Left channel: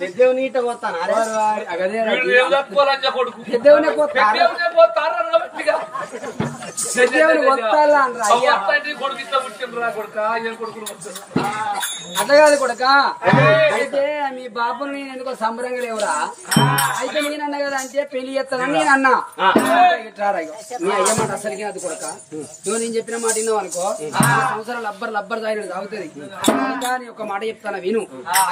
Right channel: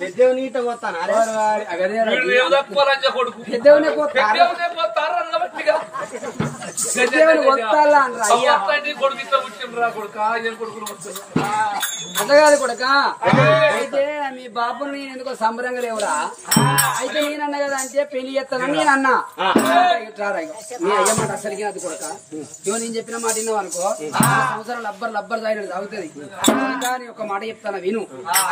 పెద్దవి నీట పోతాను పెద్దవనే అట్లా కాదు కొడుక. అయితే మీ బాబుని నేను ఎందుకో సంబరంగా లేవురా. అయితే నేనన్నా కదా అంటే పెళ్లి చేస్తానని నేను అన్నా. నీ అయ్యమాట అసలుకి అది కొడుక. ఇవ్వ నేను చెప్పిన మాట విన్నావు అనుకో, సంవత్సరం లబ్బర్ తాగినది తాగుతుంది. నీ ఒక మాట చెప్తాను విను.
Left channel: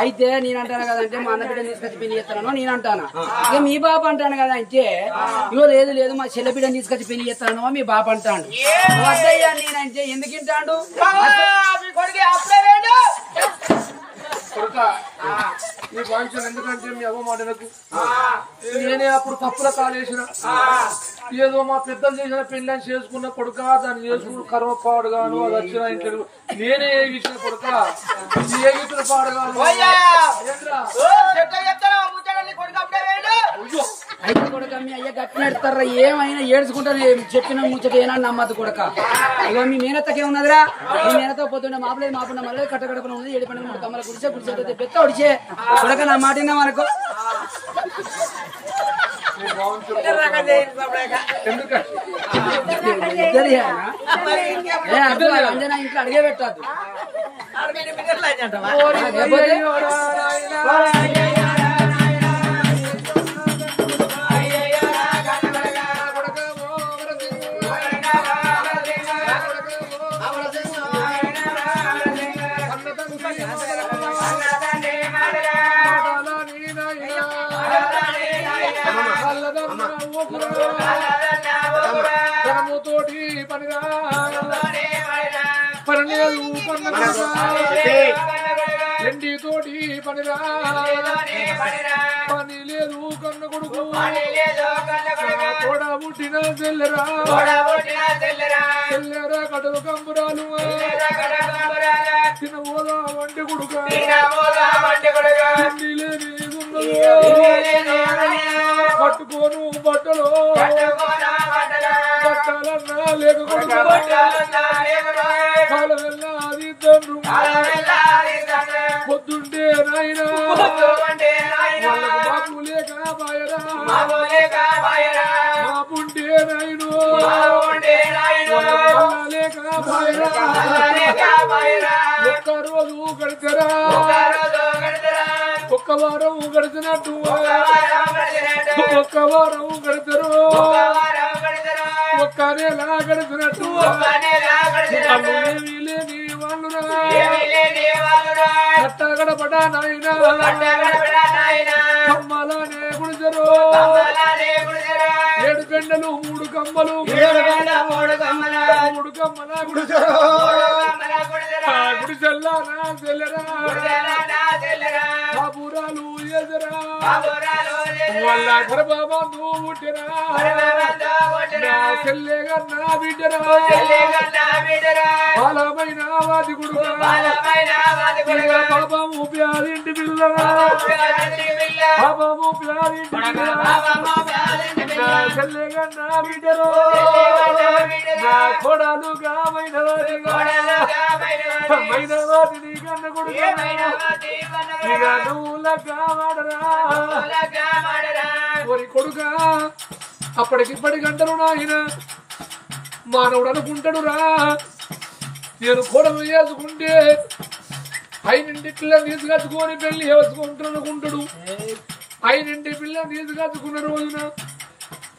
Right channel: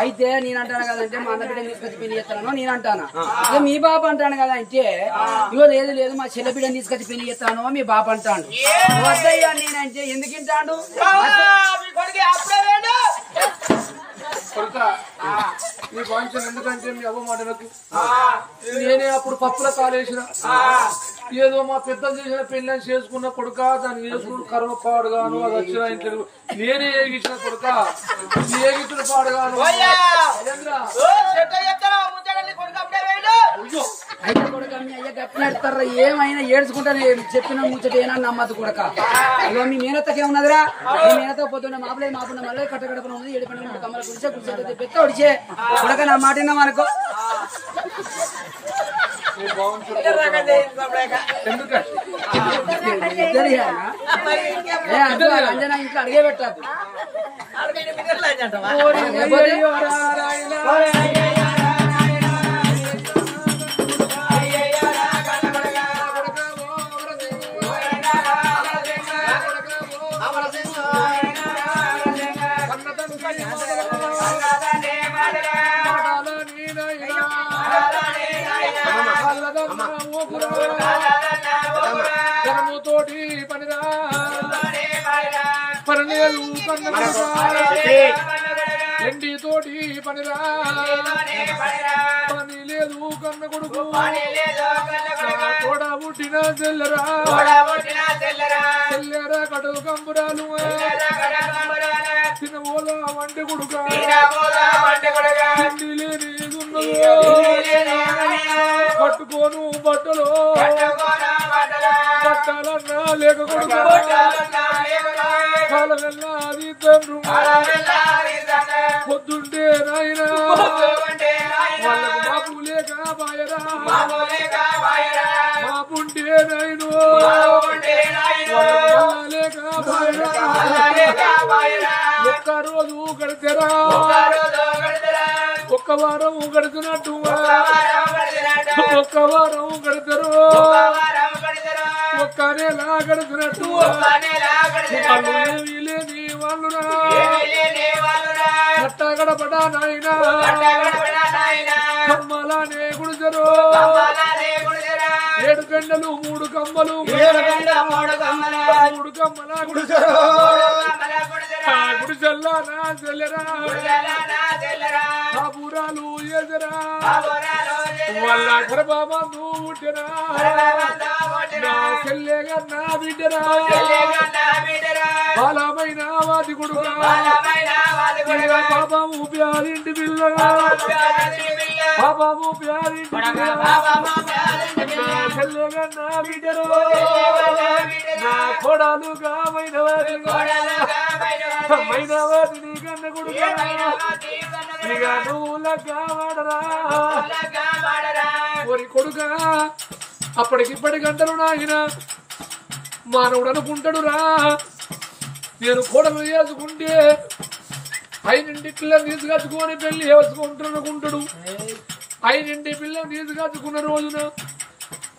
అయితే నేను అంటాను కదంటే మా అన్న బిడ్డను తీసుకొచ్చి పెళ్లి చేస్తాను నేను అంటాను. ఇక మీ బాబు అంటాను కదా అంటే ఇగో లేదు మా చెల్ల బిడ్డను తీసుకొచ్చి పెళ్లి చేస్తాను మీ బాబు అంటాడు. వద్దయ్యా నేనంటే ఎందుకు వింటాడు నీ వాయించాను. ఎందుకంటే మీ అవ్వ మాటలకు నేనే అప్పుడు పప్పుల కాలేసిన ఏదో మా పెద్దలు చేసిన పెళ్ళని చేసుకున్న కొడుక, దాన్ని చేసుకున్న కర్మ పాడుగాను అది వచ్చిన ఇంట్లో నేనే ఏగించిన కొడుక, ఏగించిన పాడుగాను. అయితే కొడుక మీ అయ్య గట్టినడతారా ఏమైనా ఏడ్చుకుంటా చెప్పిన ముచ్చట ఏనా నమ్మద్దు కొడుక. ఇక మీ మేనత్తకే ఉన్నదిరా. మీ మేనతో పోతుండే మాపుండే మళ్ళీ కట్టకడపన ఉంది. 7 పండుగ కమ్మల గుడిసే పెద్ద ఒడిచే కొడక నా మాట విన్నామనుకో. అంజనా ఇంట్లో అడిగే పెట్టద్దు. తోటి పనిరా పనిలేదు ఎండి తోటి పనిరా పని లేదు కన్న కొడుకు తోడ పుట్టిన చెల్లెరా చెల్లెరా కడుగు కంబురాలు తిన ఓలా వంటి కొడుక ఎండి లేని పట్టుకోను బట్టలు పట్టాలన్నా లేకపోతే కాలమెల్లా అది తండ్రు పొద్దుంటే నాయనా వాళ్ళకు బాపు లేక బాయరా బాపుంటే నాయను లేక బాయరా ఒక్క రోజు గడితేరా ఒక్క వారం గడిచినట్టు ఒక్క వారం గడతారు ఒక్క నెల గడిచినట్టు ఏమీ లేని వాళ్ళురా కట్ట గడపడా నాయనా కమ్మలానే గుడిసెరు 7 గంటలు 3 కమ్మలు 3 కమ్మల గుడిసెరు గుడిసెల్లా నా చెల్లెరా బాబురాలు ఎదరా వాళ్ళ గర్భమా నువ్వు పుట్టినా చెల్లెగా నా బిడ్డరా బాలమైన వాది కొడుకు పాపము ప్యారింటి పిల్ల పాపము ప్యారింటి చెల్లెగా నా బిడ్డరు నా కొడాలుగా మైనవాది నీ కన్న కొడుకు ఇక నువ్వు లగ్గాడరా ఒరి కొడుకా అప్పటికిప్పటికంటారు నాయన మానవుడు అనుకుంటాడు రా నేను కోడలు వేసుకుంటే 5 పిల్లని తీసుకొచ్చుకొని పెళ్లి వేసుకుంటాడు అనుకుంటాడు. 5 పిల్లని తీసుకొచ్చుకున్న రోజున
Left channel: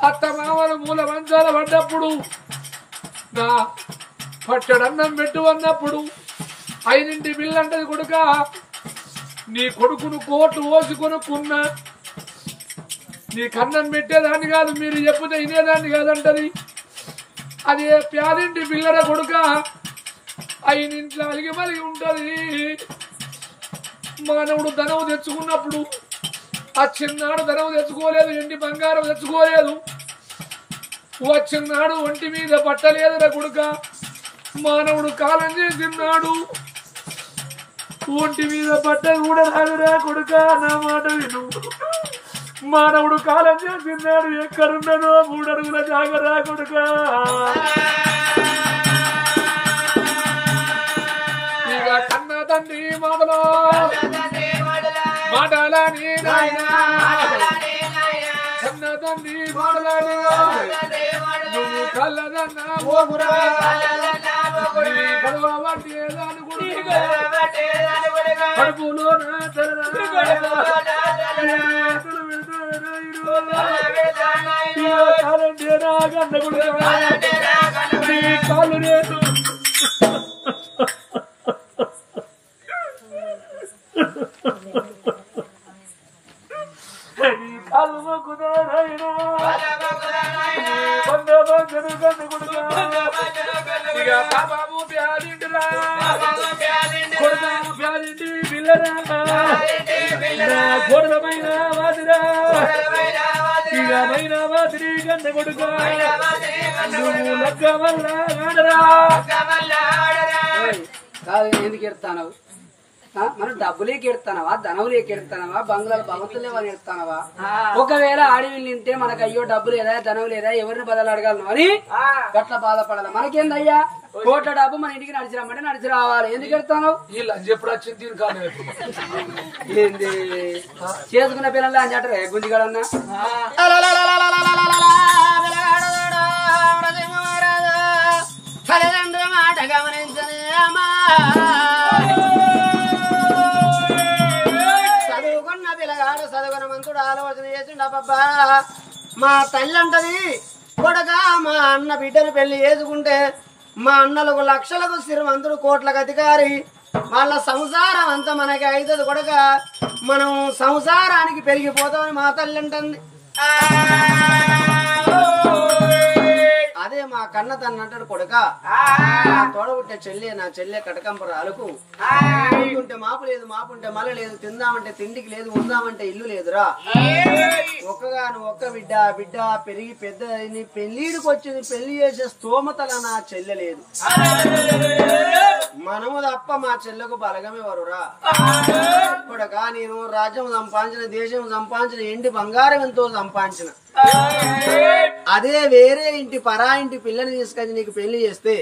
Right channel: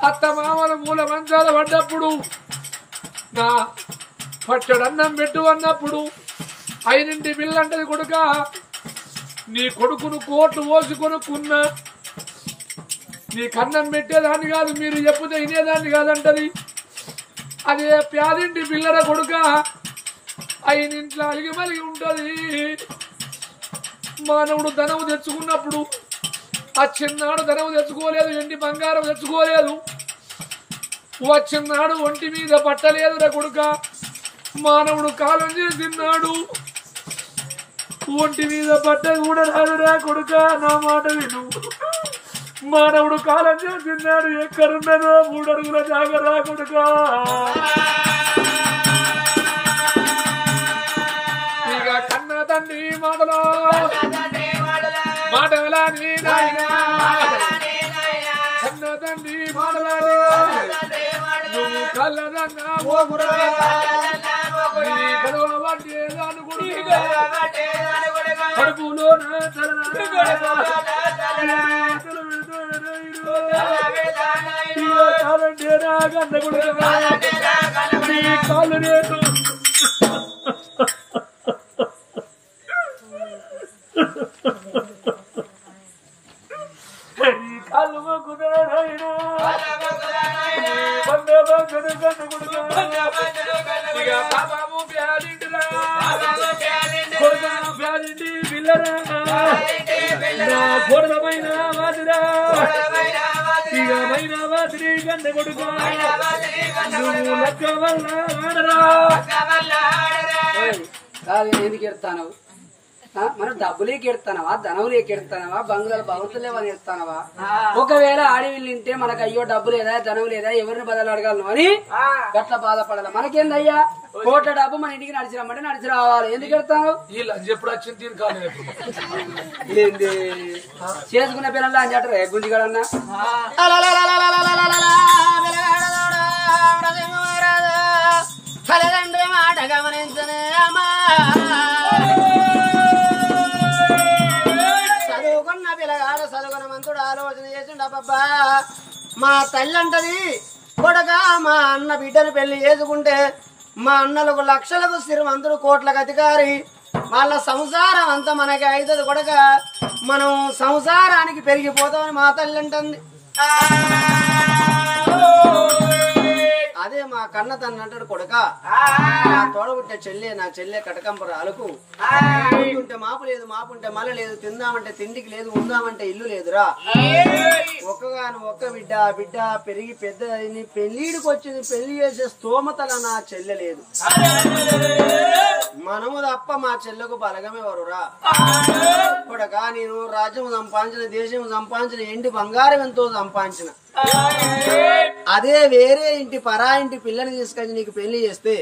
అత్త మామలు మూల మంచాల పడ్డప్పుడు నా పచ్చడన్నం పెట్టు అన్నప్పుడు 5 పిల్ల అంటది కొడుక నీ కొడుకును కోట్లు పోసి కొనుక్కున్నా నీ కన్నం పెట్టేదాన్ని కాదు మీరు చెప్పుతే వినేదాన్ని కాదంటది. అదే ప్యాదింటి పిల్లల కొడుక 5 ఇంట్లో అలిగి మలిగి ఉంటది. మానవుడు ధనవు తెచ్చుకున్నప్పుడు ఆ చిన్నాడు ధనవు తెచ్చుకోలేదు, ఎండి బంగారం తెచ్చుకోలేదు, వచ్చిన్నాడు ఒంటి మీద పట్టలేదురా కొడుక. మానవుడు కాలం చేసిన్నాడు ఒంటి మీద పట్టది కూడా రాదురా కొడుక. నా మాట విను. మానవుడు కాలం చేసిన్నాడు ఎక్కడున్నదో 3 అడుగుల జాగరా కొడుక. ఇక కన్న తండ్రి మాటలో మాటలని నాయనా కన్న తండ్రి మాటలని నువ్వు కళ్ళనన్నా ఓగురా కడుపులో కాళ్ళు రేటు కాళ్ళు మొక్కుతారైనా బాబు బ్యాలింటిరా బ్యాలింటి పిల్లరా కొడమైన వాదిరా ఇక మైన వాదిరి గంట కొడుకు నువ్వు లక్క వల్ల ఆడరా ఎందుకు ఎడతానవు మనం డబ్బులేకి ఎడతానవా ధనవులేకి ఎడతానవా బంగ్లాలు భగవంతులేవని ఎడతానవా ఒకవేళ ఆడవిల్లు తింటే మనకు అయ్యో డబ్బు లేదా ధనవు లేదా ఎవరిని బదులు అడగలను అని గట్ల బాధపడాలి మనకేందయ్యా కోట్ల డబ్బు మన ఇంటికి నడిచి రమ్మంటే నడిచి రావాలి ఎందుకు ఎడతాను ఎప్పుడు వచ్చింది దీని కాదు ఏంది చేసుకున్న పిల్లలు అని చెప్పరు గుంజిగాడన్నా తల్లిదండ్రి మాట గమనించనే అమ్మా చదువుకున్న పిల్లగాడు చదువుకున్న మంతుడు ఆలోచన చేసిండబ్బా మా తల్లి అంటది కొడగా మా అన్న బిడ్డను పెళ్లి చేసుకుంటే మా అన్నలకు లక్షలకు శ్రీమంతుడు కోట్లకు అధికారి వాళ్ళ సంసారం అంతా మనకి అవుతుంది కొడక మనం సంసారానికి పెరిగిపోతామని మా తల్లి అంటుంది అదే మా కన్న తన అంటాడు కొడక తోడబుట్టే చెల్లె నా చెల్లె కటకంపర అలుకు ఉంటే మాపు లేదు మాపుంటే మల లేదు తిందామంటే తిండికి లేదు ఉందామంటే ఇల్లు లేదురా ఒక్కగాను ఒక్క బిడ్డ పెరిగి పెద్ద పెళ్లిడికి వచ్చింది పెళ్లి చేసే స్తోమతల నా చెల్లె లేదు మనము తప్ప మా చెల్లెకు బలగమే వరురా కొడక నేను రాజ్యం సంపాదించిన దేశం సంపాదించిన ఎండి బంగారం ఎంతో సంపాదించిన అదే వేరే ఇంటి పరా ఇంటి పిల్లని తీసుకొచ్చి నీకు పెళ్లి చేస్తే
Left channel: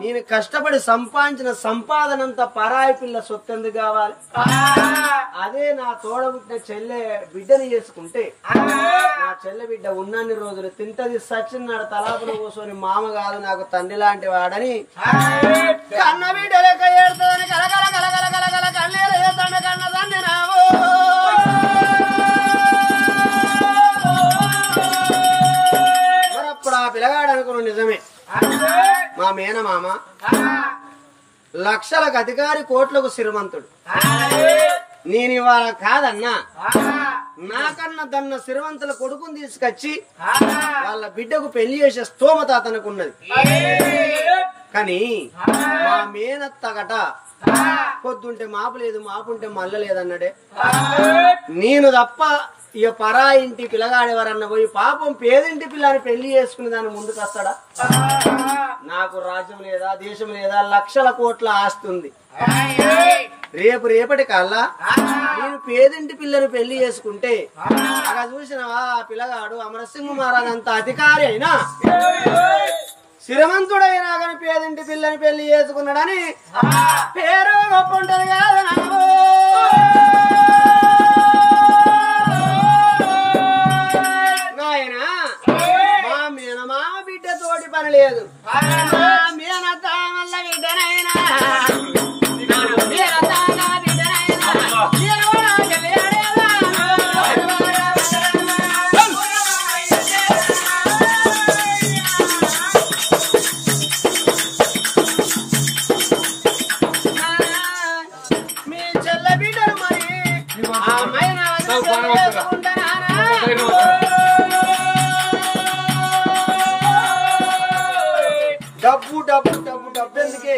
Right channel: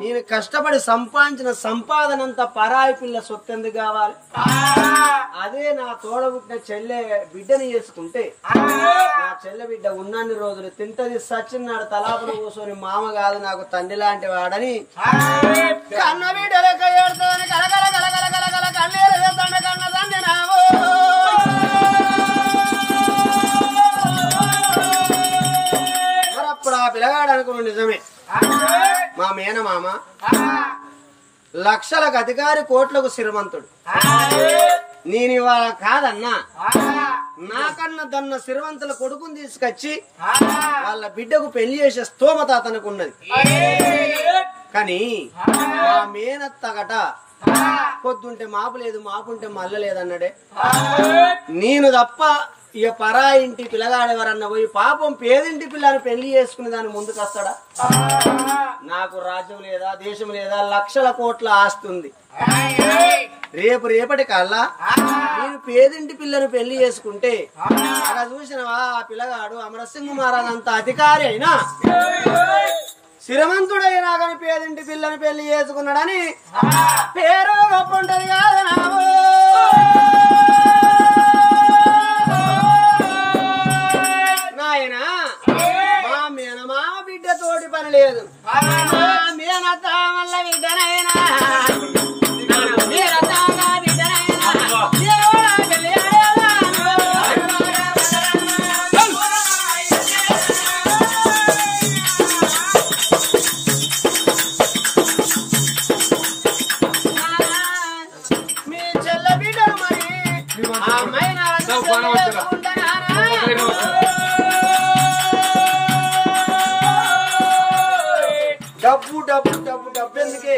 నేను కష్టపడి సంపాదించిన సంపాదనంతా పరాయి పిల్ల సొత్తెందుకు కావాలి అదే నా తోడబుట్టిన చెల్లె బిడ్డని చేసుకుంటే నా చెల్లె బిడ్డ ఉన్నన్ని రోజులు తింటది సచ్చినాడు తలాపులు కూర్చొని మామ కాదు నాకు తండ్రి లాంటి వాడని కన్న బిడ్డ లెక్క ఏడుతుందని కలకల కలకల కలకల కన్నీరు వేస్తాడు కన్న తండ్రి నావు మరప్పుడు ఆ పిల్లగాడు అనుకున్న నిజమే మా మేనమామ లక్షలకు అధికారి కోట్లకు శ్రీమంతుడు నేను ఇవాళ కాదన్నా నాకన్నా దన్న శ్రీమంతుల కొడుకుని తీసుకొచ్చి వాళ్ళ బిడ్డకు పెళ్లి చేసే స్తోమత అతనికి ఉన్నది కానీ మా మేనత్తగట పొద్దుంటే మాపు లేదు మాపుంటే మల్ల లేదన్నాడే నేను తప్ప ఇక పరా ఇంటి పిల్లగాడెవరన్నా పోయి పాపం పేదింటి పిల్లని పెళ్లి చేసుకుని దాని ముందుకు వస్తాడా నాకు రాజ్యం లేదా దేశం లేదా లక్షల కోట్ల ఆస్తి ఉంది రేపటి కల్లా నేను పేదింటి పిల్లని పెళ్లి చేసుకుంటే అలా చూసినవా ఆ పిల్లగాడు అమరసింహ మహారాజ్ అంత అధికారి అయినా శ్రీమంతుడైనా కానీ పేదింటి పిల్లని పెళ్లి చేసుకున్నాడని పేరు గొప్ప ఉంటది కాదు నావు నాయన మా మేనమామ బిడ్డ తోటి పని లేదు మా మేనత్త వల్ల బిడ్డనైనా మీ చెల్ల బిడ్డను మరి ఆ మైన డబ్బు డబ్బు డబ్బు డబ్బు ఎందుకే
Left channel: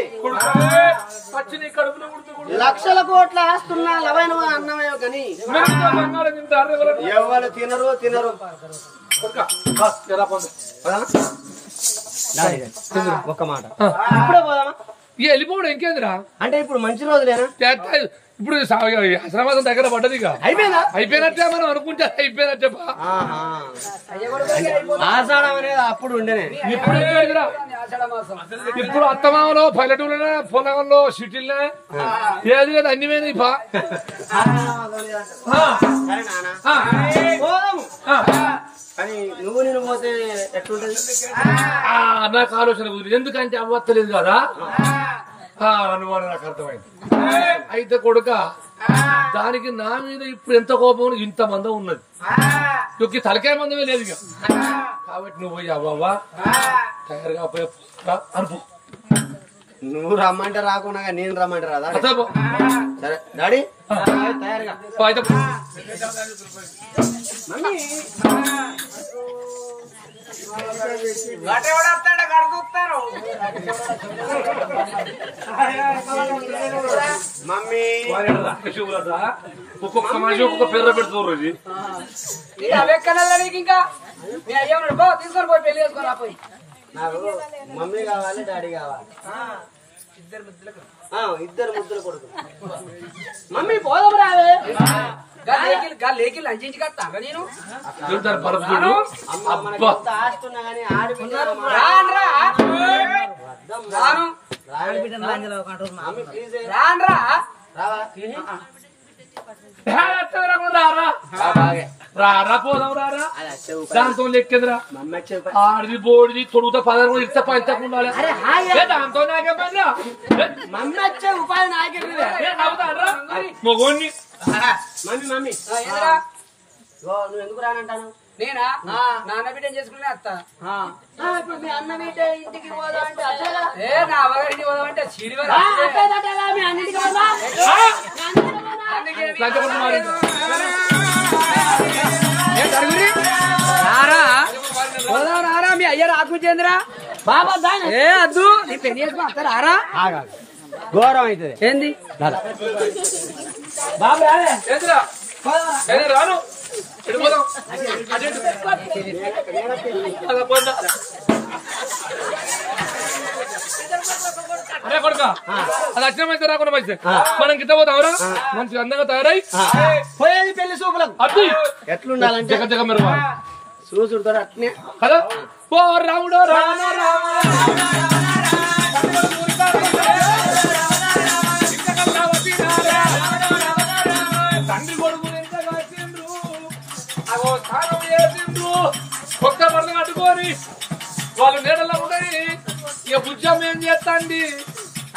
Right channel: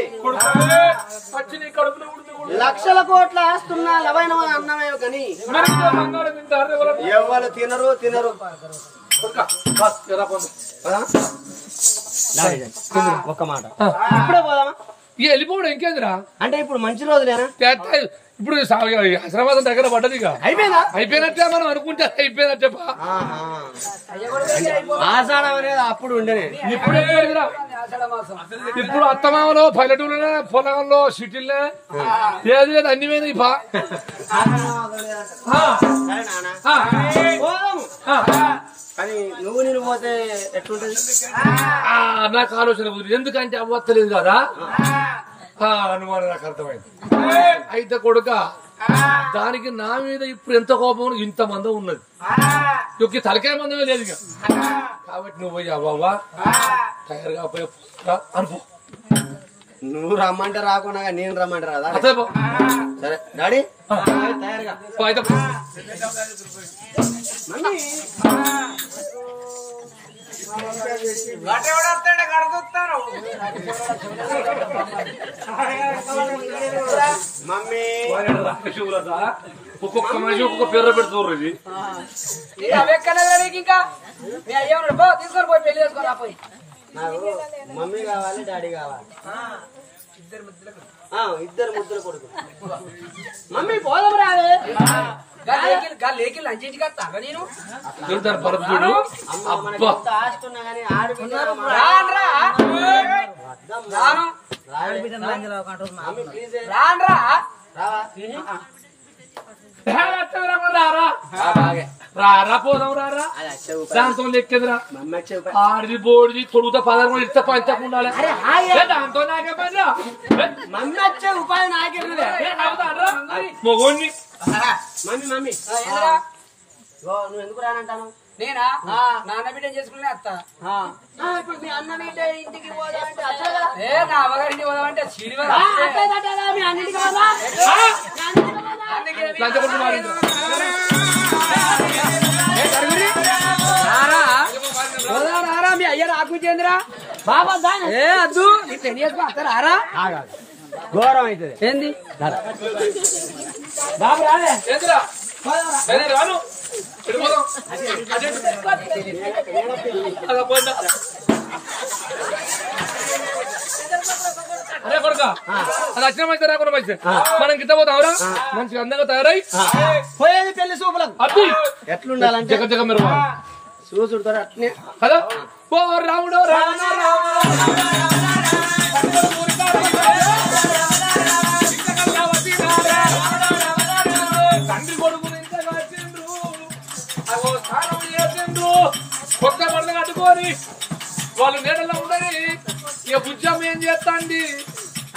లక్షల కోట్ల ఆస్తున్నా లవైన అన్నమే కానీ ఎవరు తినరు ఒక్క మాట ఇప్పుడే పోదామా ఇక వెళ్ళిపోవడం ఇంకేందిరా అంటే ఇప్పుడు మంచి రోజులేనా? ఇప్పుడు ఆశ్రమాసం దగ్గర పడ్డది అయిపోయినట్టే మనం అనుకుంటే అయిపోయినట్టే ఆషాఢం అనేది అప్పుడు ఉండేనే. ఇప్పుడు అత్తమామలో పల్లెటూరులోనే పొలంలో సిటీలనే ఏది లేదు అన్ని పోయినాయి కానీ నువ్వు నేను పోతే ఎట్లుంటది నాకు ఆలోచన కుదిరి. ఎందుకంటే అవ్వత్తలేదు కదా అనుమానం నాకు అర్థమైంది. అయితే కొడుక దానికి నా మీద ఇప్పుడు ఎంత కోపం ఇంత మందం ఉన్నది, యొక్క తలకాయ మందమే లేదు ఇక. కాబట్టి నువ్వు పోయి అవ్వవా తయారుగా పోయి అనుకో. నువ్వు రమ్మంటే రాకున్నా నేను రమ్మంటే రాదా? సరే డాడీ తయారుగా మమ్మీ ఒక్కొక్క మనిషి ఒక్కొక్క పేరు పెడుతున్నారు. ఇది ఇంకా తీసుకొని పోయి పెళ్లి చేసుకొని రాపోయి. నాకు మమ్మీ కావాలి, డాడీ కావాలి, ఇద్దరు ముద్దులు కొడుకు. మమ్మీ పోదాం రావే. లేకి లంచించి కట్టారా నేను ఆస్తున్నా కానీ ఆడబిడ్డ రాన్రా రారా పోదాం రారా దాంతో లెక్కేదిరా ఆడిది బోడిది తొడుగుతా 16 ఇస్తా పంచకుండా దాంతో నాకే పని. మమ్మీ వచ్చే ఉపాయం నాకే మొగోని మమ్మీ మమ్మీ నువ్వు ఎందుకు రానంటాను? నేనా నాన్న బిడ్డని చేసుకునే అత్త. ఇప్పుడు మీ అన్న బిడ్డ ఇంటికి పోదా అంటే నా అవగారింటికి పోదామంటే సిడి మీ అన్నింటికి రారా మీ అయ్య రాకుంచేంద్ర ఏ అద్దు నీ పెళ్లి చేసుకో అత్త రారా ఘోరం అవుతుంది. ఏంది బాబు రాలే రాను అరే కొడుక అది వచ్చినమైతే రాకుండా మంచి మనం గిట్ట పోతావురా మంచిగా అందంగా తయారై పోయేది పెళ్లి సూపులకు. అబ్బి ఎట్లుండాలంటే జగ జగ మీరు చూసుడుతో అట్నే కదా. ఓ రాముడు రామ తండ్రి కొడుకు ఎంతగా తిండ్రు అగో స్నానం చేసిండ్రు కొత్త బట్టలు కట్టుకొని వాళ్ళు నీడల్లో ఉండని ఇక బుజ్జమ్మ ఏం చేస్తాండి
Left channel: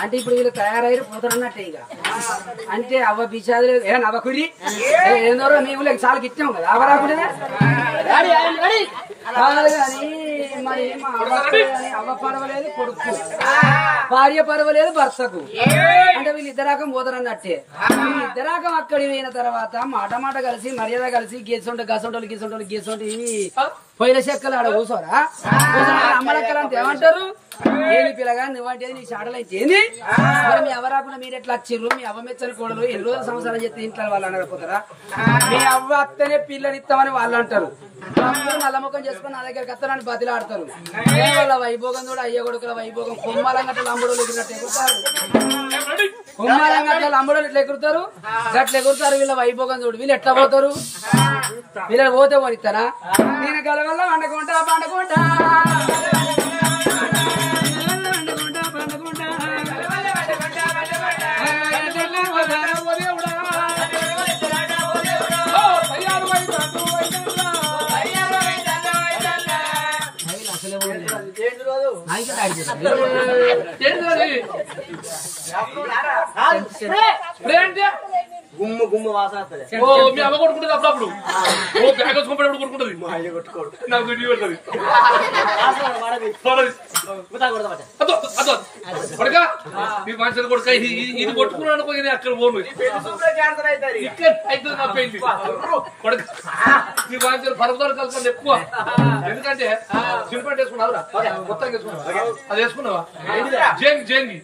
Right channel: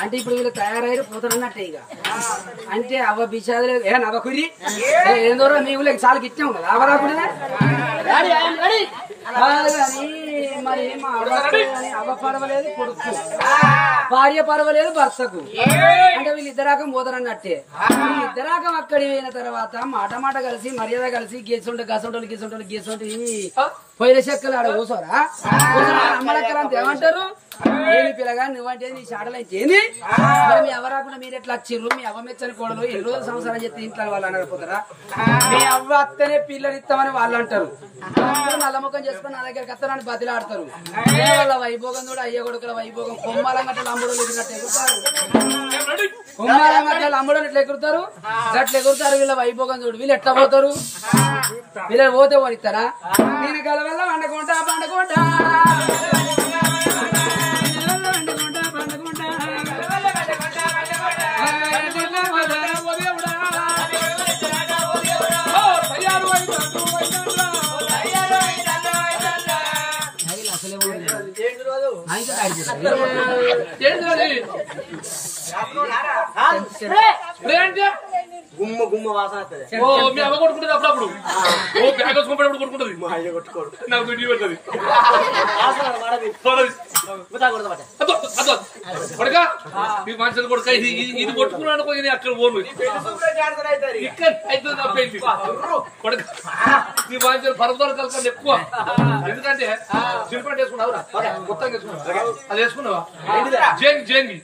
అంటే ఇప్పుడు వీళ్ళు తయారయ్యారు పోతారన్నట్టే ఇక. అంటే అవ్వ బిషాదులు ఏ నవ్వకుడి ఏందో మేము చాలా గిట్టాం కదా అవ్వ రాకుండా కానీ మరి మా అవ్వ పడవలేదు కొడుకు, భార్య పడవలేదు భర్తకు. అంటే వీళ్ళు ఇద్దరాకం పోతారన్నట్టే. ఇద్దరాకం అక్కడికి పోయిన తర్వాత మాట మాట కలిసి మర్యాద కలిసి గీసుంటే గసంటోళ్ళు గీసుంటోళ్ళు గీసుంటే పొయ్యిల చెక్కలు ఆడ కూర్చోరా అమ్మలక్కలు అంత ఏమంటారు? ఏమి పిల్లగా నువ్వంటే నీ షాడలు అయితే ఏంది మరి మీ అవ్వ రాకుండా మీరు ఎట్లా వచ్చిర్రు? మీ అవ్వ మెచ్చని కోడలు ఎన్ని రోజులు సంవత్సరాలు చెప్తే ఇంట్లో వాళ్ళు అనకపోతారా? మీ అవ్వ అత్తనే పిల్లని ఇస్తామని వాళ్ళు అంటారు. నల్ల ముఖం చేసుకుని నా దగ్గర కత్తనాన్ని బతిలాడతారు. వాళ్ళ వైభోగం కూడా అయ్యే కొడుకుల వైభోగం కొమ్మాలంగట్ల అంబడోళ్ళు ఎగిరినట్టు ఎగురుతారు. కొమ్మాలంగట్ల అంబడోళ్ళు ఎట్లా ఎగురుతారు అట్లా ఎగురుతారు. వీళ్ళ వైభోగం చూడు. వీళ్ళు ఎట్లా పోతారు? వీళ్ళని పోతే పోనిస్తారా? నేను కలవల్ల వండుకుంటా పండుకుంటా గుమ్మ గుమ్మ వాసన వస్తుంది. ఓ మీ అమ్మ కొట్టుకుంటుంది అప్పుడప్పుడు. ఓ బ్యాగ్ వేసుకున్నప్పుడు కొట్టుకుంటుంది. మా అయ్య కొట్టుకోడు. నాకు వీడియో పెడుతుంది. కొడుక ఈ మనుషులు కొడుక ఇది కొట్టుకున్నాను ఇది అక్కడ పోను ఇక్కడ అయితే నా పెళ్లి కొడుక ఈ మనుషులు పరపదాలు కలకండి ఎక్కువ. ఎందుకంటే సిల్పేట వేసుకున్నావురా కొత్తగా వేసుకున్నావు. అది వేసుకున్నావా? జంగి జంగి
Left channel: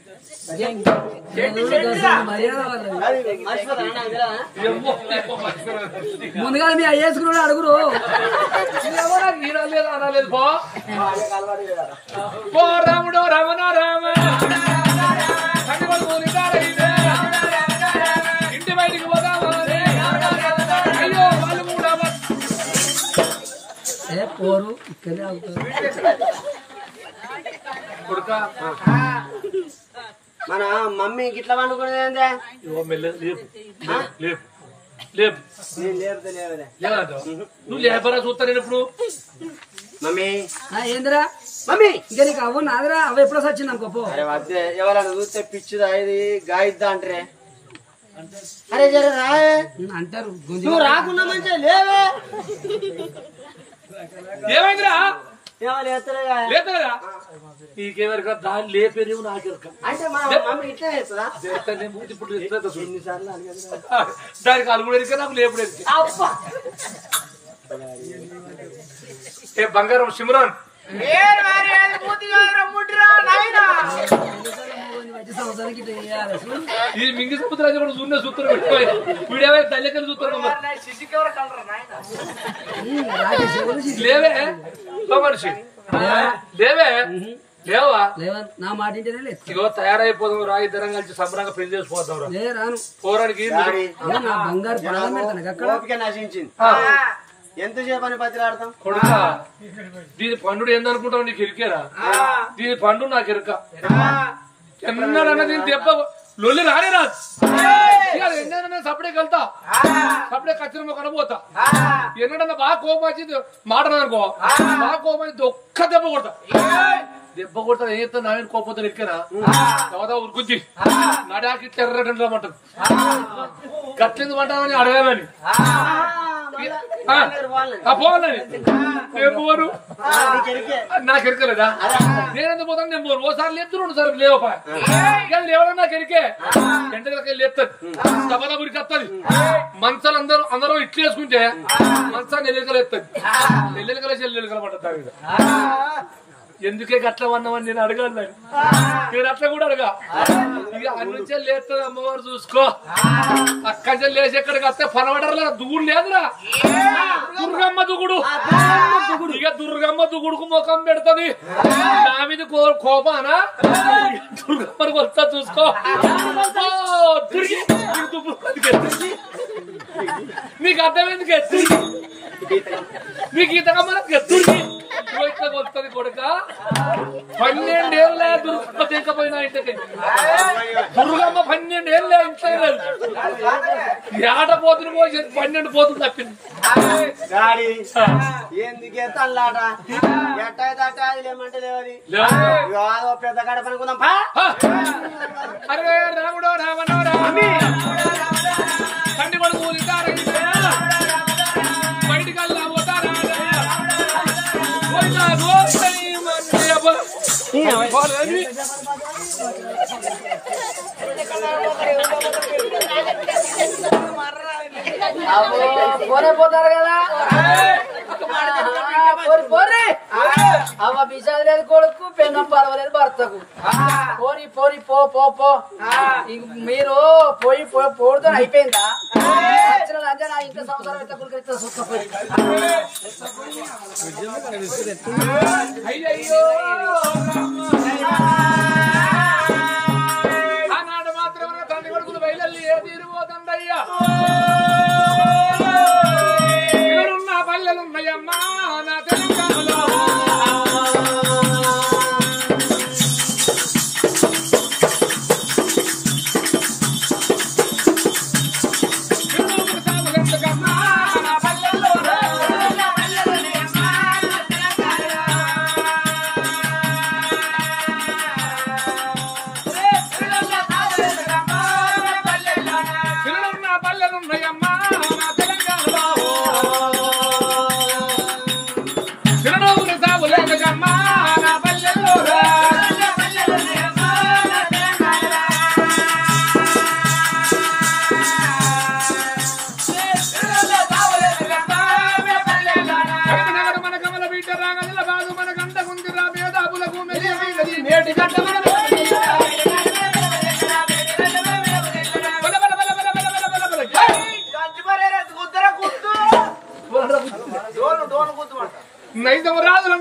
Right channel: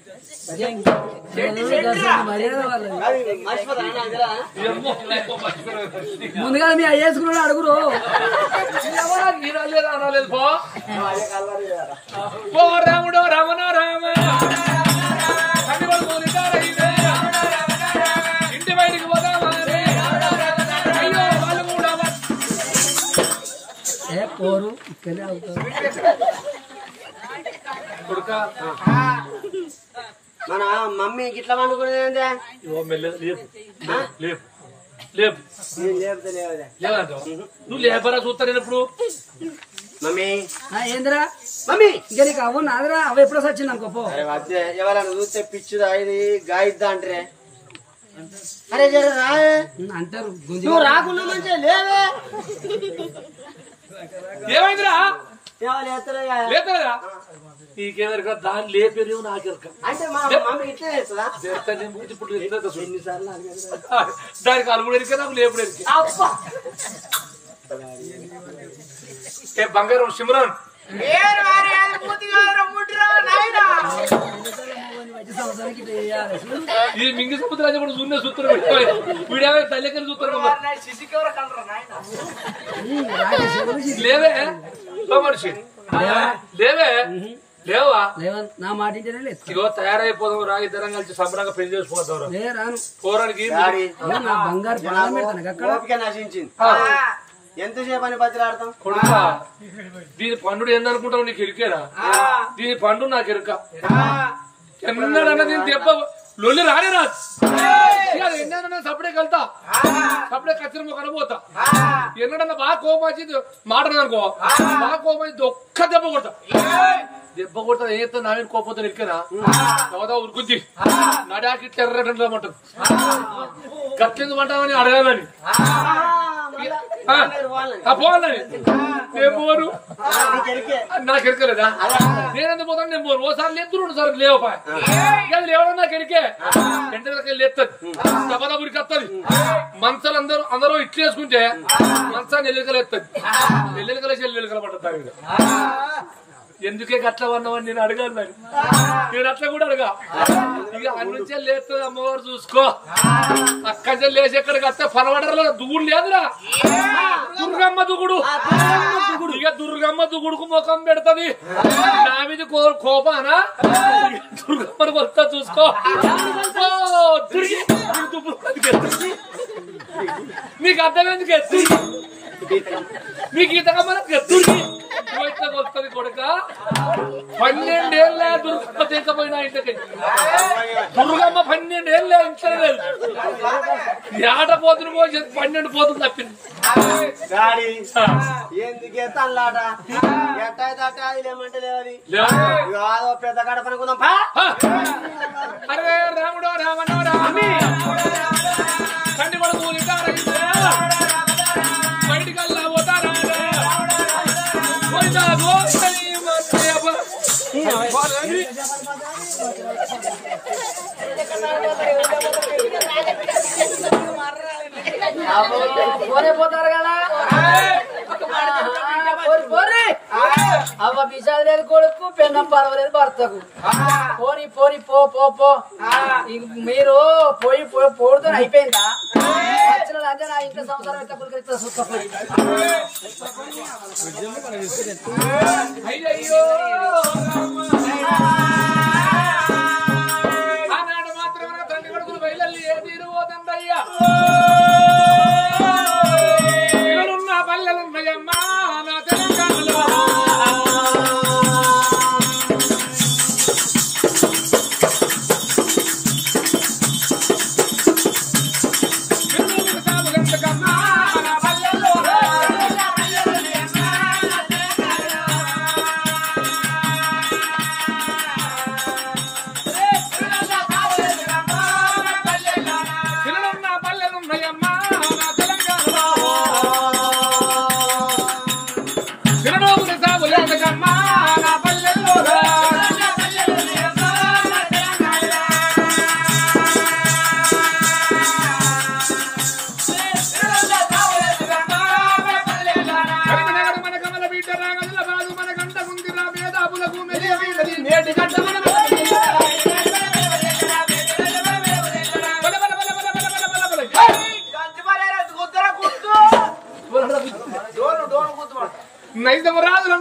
ముందుగా మీ అయ్యేసుకున్నాడు అడుగురు. లేదు అనలేదు పో రాముడు రమణ రామ కూలిదారైతే ఇంటి బయటికి పోదామా అయ్యో వాళ్ళు కూడా పోరు ఇక్కడే అవుతారు కొడుకా మన మమ్మీ గిట్లా పండుకునేది లేపు లేపు లేపు నేను లేపితే లేవదే లేదంటావు నువ్వు లేపరా చూస్తా నేను ఇప్పుడు మమ్మీ ఏందిరా మమ్మీ ఇంకా నీకు అవ్వ నాదిరా అవ్వ ఎప్పుడో వచ్చింది అనుకోపో అరే వద్దే ఎవరైనా చూస్తే పిచ్చిదా ఇది గాయిద్దా అంటారే అరే జర రావే అంటారు నువ్వు రాకున్నా మంచిగా లేవే ఏమైందిరా లేస్తలేగా లేతలేదా నీకేమరిక దాన్ని లేపేరేమో నాకెరక అంటే మా మమ్మీ ఇట్లా చేస్తుందా ఇప్పుడు ఎన్నిసార్లు అడిగాను దానికి అలుగుడు ఎరిక నాకు లేపుడు ఎరిక ఏ బంగారం సిమ్రాన్ ఈ మింగి సముద్రాన్ని కూడా చూన్న సూత్రం వీడేవే తల్లికలు సూత్రం లేవే మనిషి లేవే లేవా నా మాట ఇంటేనే లేదు ఇగో తయారైపోదాం రా ఇద్దరం కలిసి సంబరంగా పెళ్లి చేసిపోతాం రాను పోరానికి నా బంగారు ప్రాణం పెడతాను అక్కడ ఓపిక నశించింది ఎంతసేపు అని బతిలాడతాం కొడుకా దీని పండు ఏందనుకుంటావు నీకు ఎరికేరా దీని పండు నాకు ఎరుక ఎన్నడన్నా దీని దెబ్బ లొల్లి రానే రాదు ఎన్నడన్నా సపడే వెళ్తా సపడే ఖచ్చితంగా కనబోతా ఎన్నడన్నా బాగా కోపం వచ్చింది మాట అనుకో బాగా కోపం వచ్చింది ఒక్క దెబ్బ కొడతా దెబ్బ కొడతా ఏం చెప్తా నా మీద కోపంతో ఎరికేనా చదువుతా ఉరుకుద్ది నడాకి తెర్రమంటారు గట్లెందుకు అంటామని అడగాలని పోవాలని నేను పోను నాకు ఎరకలేదా నేనెందుకు పోతాను నేను పోను ఓసారి లేపుతూ 2 సార్లు లేవపా లేవడం నాకు ఎరికే ఎంటకి లేస్తుంది సభలో ఉరికొస్తుంది మంచాలు అందరూ ఇట్లు వేసుకుంటే మంచాన్ని ఎల్లికలు ఎత్తది ఎల్లికల చెల్లెలికల పడ్డది ఎందుకే గట్ల వన్నామని నేను అడగాను నేను అట్లా కూడా అడగా ఇక అన్నుంచే లేస్తుంది అమ్మవారు చూసుకో అక్కడి లేచి ఎక్కడికి వస్తే పనవడర్లో దుగుడు లేదురా దుర్గమ్మ దుగుడు ఇక దుర్గమ్మ దుగుడుకు ముఖం పెడతది నా మీద కోపానా దుర్గమ్మకి వస్తా చూసుకో నీకు అర్థమైంది నీకు ఈతకమ్మ దుర్గి వస్తుంది కొడుక 12 ఏళ్ళ దుర్గమ్మ తీకపోయినా ఇంటికి దుర్గమ్మ 12 ఏళ్ళ ఇంట్లో లేదు ఏట పోతులు పోసి 12 పోతులు తప్పింది ఎందుకే తల్లాట ఎట్టయితే అట్ట అది లేమంటే లేవది పెద్ద కడ పనుకుందాం అరే రాముడో రామనో రామి తండ్రి కొడుకు బయటికల్లా పోతారా పోరే పోతారు కదా పోరే అవ్వ బిజాది లేదు కొడుకు పెన్నం పర్వాలేదు భర్తకు పోని పోని పో పో పో మీరు పోయి పోడుతో అయిపోయిందా అంటే నా ఇంట్లో సంవత్సరం ఎంత కురికిస్తా సుత్తపోయి అయ్యో ఆనాడు మాత్రం తండ్రి కొడుకులు బయలు ఏ తీరుపోతుందయ్యా ఇక్కడున్న పల్లెలున్నాయమ్మా నా తెలంగాణలో నైజం రాజుల